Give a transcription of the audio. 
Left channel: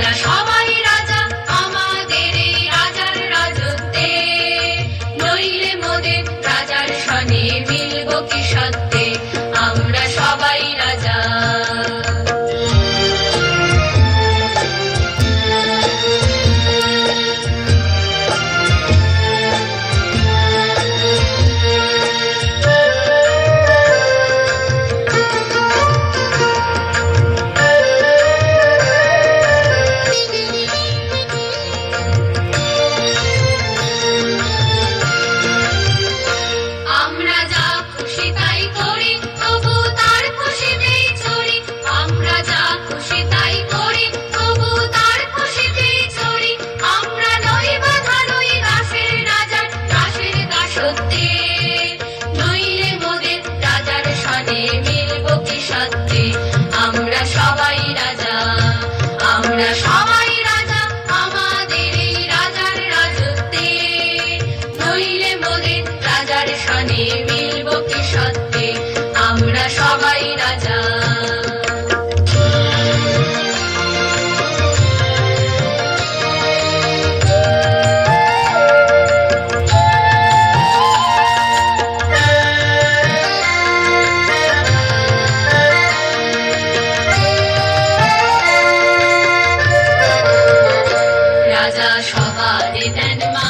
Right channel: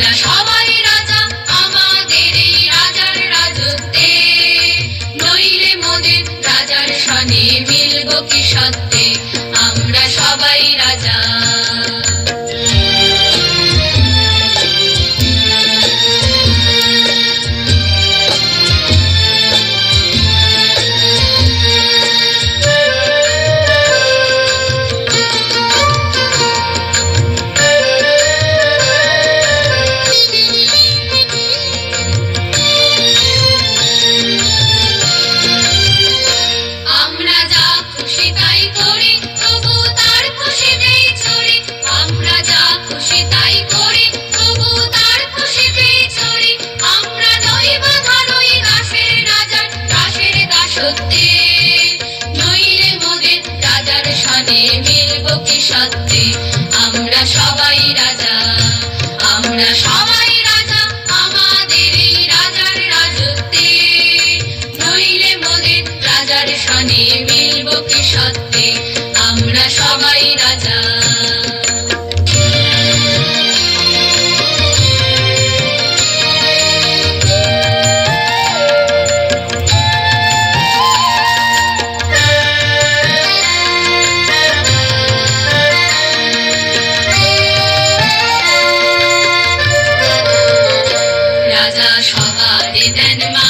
আমরা সবাই রাজা, আমাদের রাজার রাজত্বে। নইলে মোদের রাজার সানে মিলব কি আমরা সবাই রাজা। সাথে মিলব কি আমরা সবাই রাজা, আমরা সবাই রাজা, আমাদের এই রাজত্বে। নইলে মোদের রাজার সানে body and mind.